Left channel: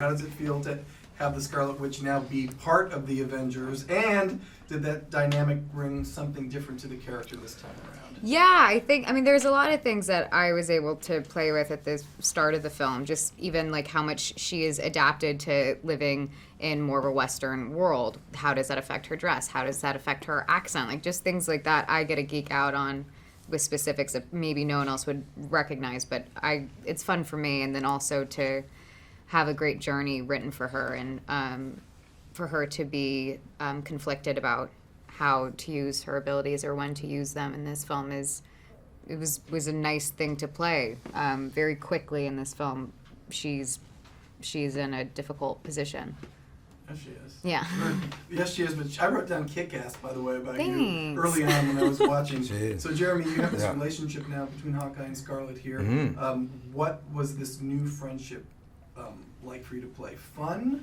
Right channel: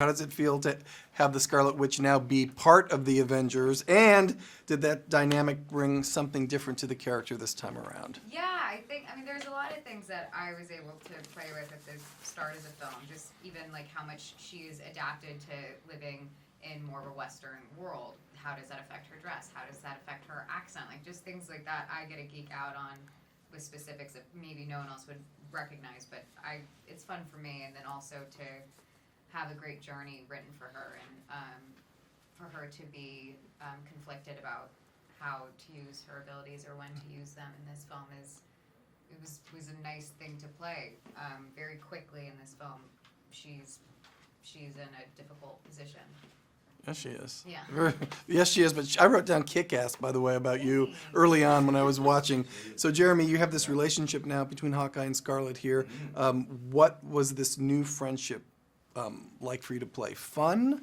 How does it feel to have the Scarlet Witch now be part of the Avengers? And did that dynamic bring something different to the character this time around? Yeah, I mean, there's a lot of things that I was able to play with at the start of the film. Just even like how much she is adapted to living in more of a Western world. How does that affect her dress? How does that affect her accent? Like just things like that I get to geek out on with specifics that maybe no one else would recognize. But it's fun for me, and then also to have a great journey written for her, and for her to be conflicted about how to use her abilities or when to use them in this film was a nice thing to play. Very quickly in this film, she's in a difficult position. Yes, she is. Yeah. Yes, she is. But I wrote down kick-ass, by the way, about Thanks. you early on when I was watching. So, Jeremy, you have this relationship now between Hawkeye and Scarlet here. Mm-hmm. What was this new friendship like for you to play? Fun?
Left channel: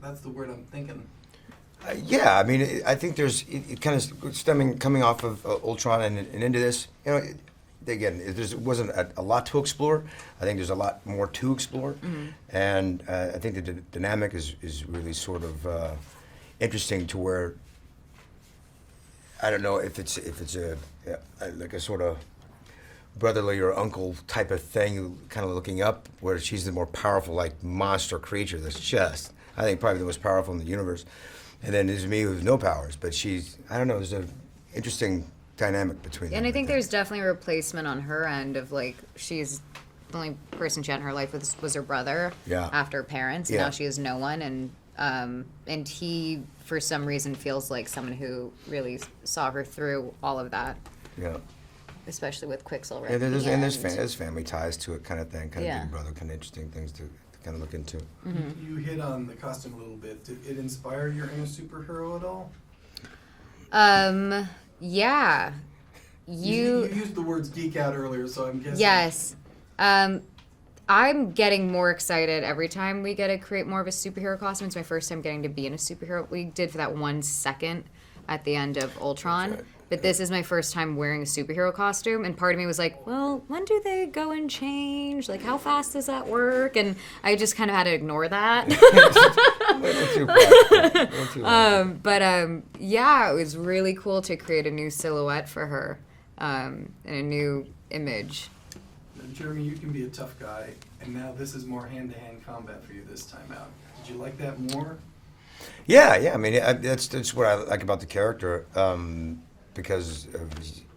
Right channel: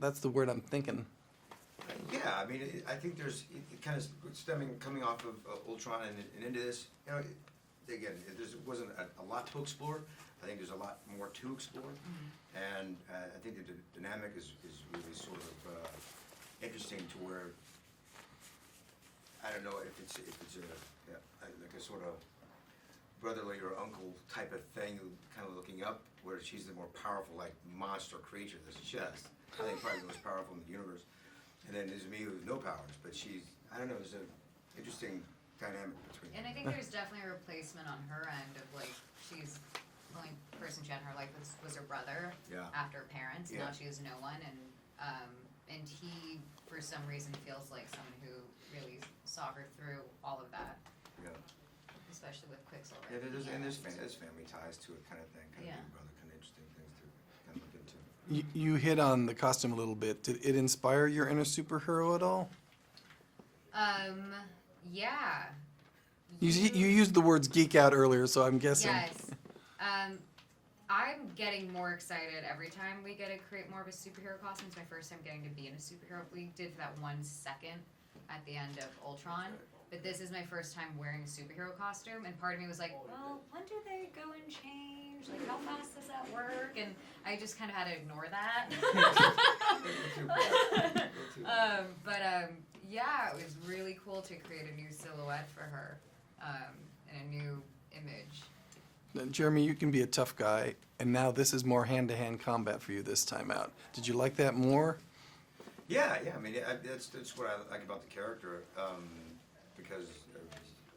That's the word I'm thinking. Yeah, I mean, I think there's it kind of coming off of Ultron and into this. You know, again, there wasn't a lot to explore. I think there's a lot more to explore, and I think the dynamic is really sort of interesting to where I don't know if it's like a sort of brotherly or uncle type of thing, kind of looking up, where she's the more powerful, like, monster creature that's just, I think, probably the most powerful in the universe. And then there's me with no powers, but she's, I don't know, there's an interesting dynamic between them. And I think there's definitely a replacement on her end of, like, she's the only person she had in her life was her brother after parents. Yeah. Now she has no one, and he, for some reason, feels like someone who really saw her through all of that. Yeah. Especially with Quicksilver. Yeah, there's family ties to it, kind of thing, kind of big brother, kind of interesting things to kind of look into. You hit on the costume a little bit. Did it inspire your inner superhero at all? Yeah. You used the words geek out earlier, so I'm guessing. Yes. I'm getting more excited every time we get to create more of a superhero costume. It's my first time getting to be in a superhero. We did for that 1 second at the end of Ultron. Right. But this is my first time wearing a superhero costume, and part of me was like, well, when do they go and change? Like, how fast does that work? And I just kind of had to ignore that. Yeah, it was really cool to create a new silhouette for her, and a new image. Now, Jeremy, you can be a tough guy, and now this is more hand-to-hand combat for you this time out. Did you like that more? Yeah. I mean, that's what I like about the character. Because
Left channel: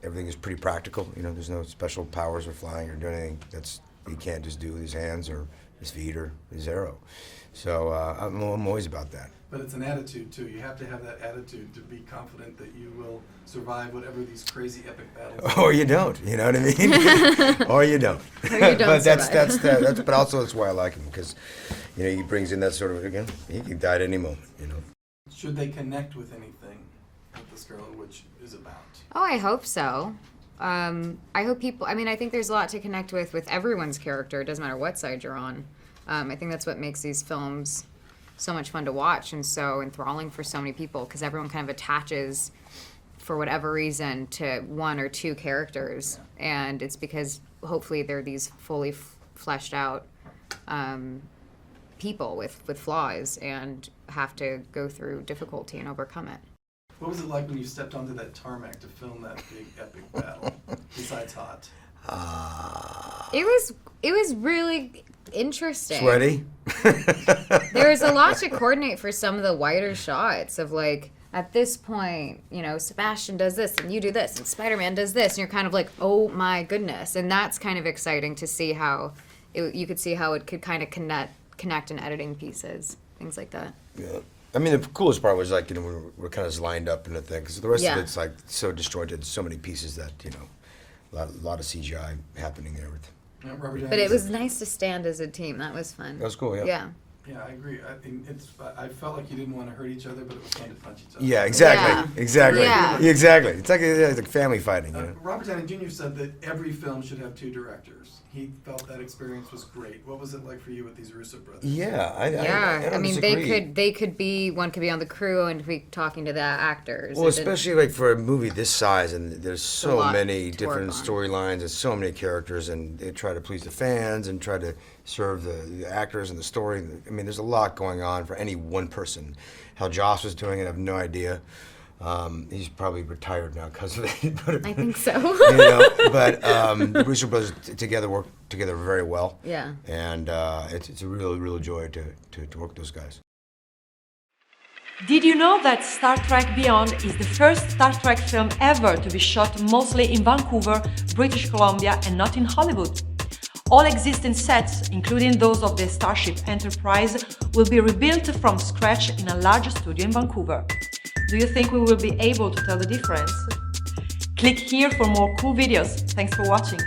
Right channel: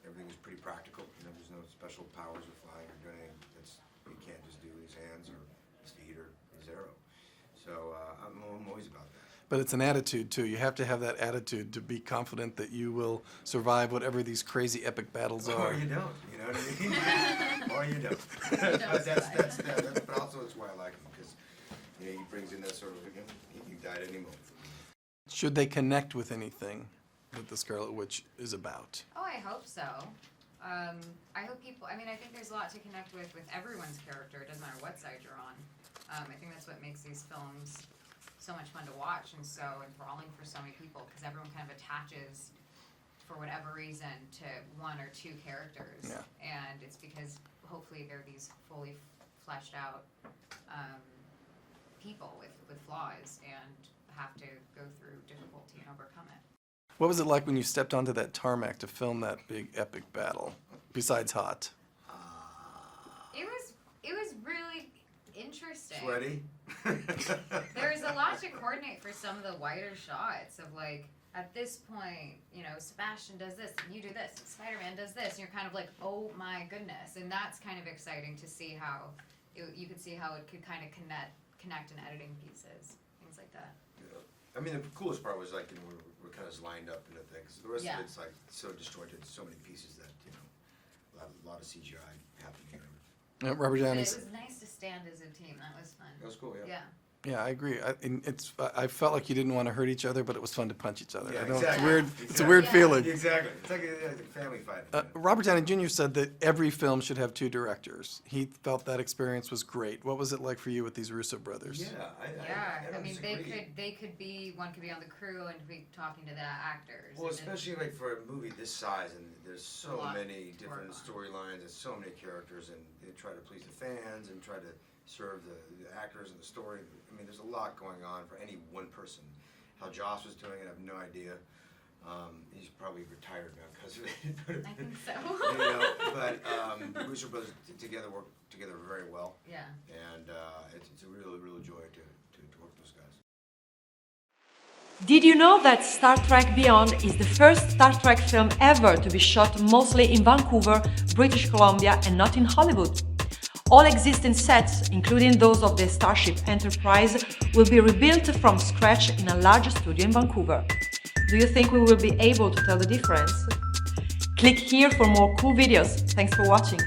everything is pretty practical. You know, there's no special powers or flying or doing anything he can't just do with his hands or his feet or his arrow. So I'm always about that. But it's an attitude, too. You have to have that attitude to be confident that you will survive whatever these crazy epic battles are. Or you don't, you know what I mean? Or you don't. But that's but also that's why I like him, because, you know, he brings in that sort of, again, he can die at any moment, you know. Should they connect with anything that the Scarlet Witch is about? Oh, I hope so. I hope people, I mean, I think there's a lot to connect with everyone's character. It doesn't matter what side you're on. I think that's what makes these films so much fun to watch and so enthralling for so many people, because everyone kind of attaches, for whatever reason, to one or two characters. Yeah. And it's because hopefully they're these fully fleshed out people with flaws and have to go through difficulty and overcome it. What was it like when you stepped onto that tarmac to film that big epic battle, besides hot? It was really interesting. Sweaty? There was a lot to coordinate for some of the wider shots of, like, at this point, you know, Sebastian does this and you do this and Spider-Man does this, and you're kind of like, oh my goodness. And that's kind of exciting to see how you could see how it could kind of connect in editing pieces, things like that. Yeah. I mean, the coolest part was, like, you know, we're kind of lined up in a thing, because the rest of it's, like, so disjointed, so many pieces that, you know, a lot of CGI happening there. But it was nice to stand as a team. That was fun. That was cool, yeah. Yeah. Yeah, I agree. I felt like you didn't want to hurt each other, but it was fun to punch each other. Yeah, exactly. Yeah. Exactly. Yeah. Exactly. It's like family fighting. You know? Robert Downey Jr. said that every film should have two directors. He felt that experience was great. What was it like for you with these Russo brothers? Yeah, I mean, they could be one could be on the crew and be talking to the actors. Well, especially like for a movie this size, and there's so many different on. storylines and so many characters, and they try to please the fans and try to serve the actors and the story. I mean, there's a lot going on for any one person. How Joss was doing it, I have no idea. He's probably retired now because of it. But, I think so. you know, but the Brewster brothers work together very well. Yeah. And it's a real joy to work with those guys. Did you know that Star Trek Beyond is the first Star Trek film ever to be shot mostly in Vancouver, British Columbia, and not in Hollywood? All existing sets, including those of the Starship Enterprise, will be rebuilt from scratch in a large studio in Vancouver. Do you think we will be able to tell the difference? Click here for more cool videos. Thanks for watching.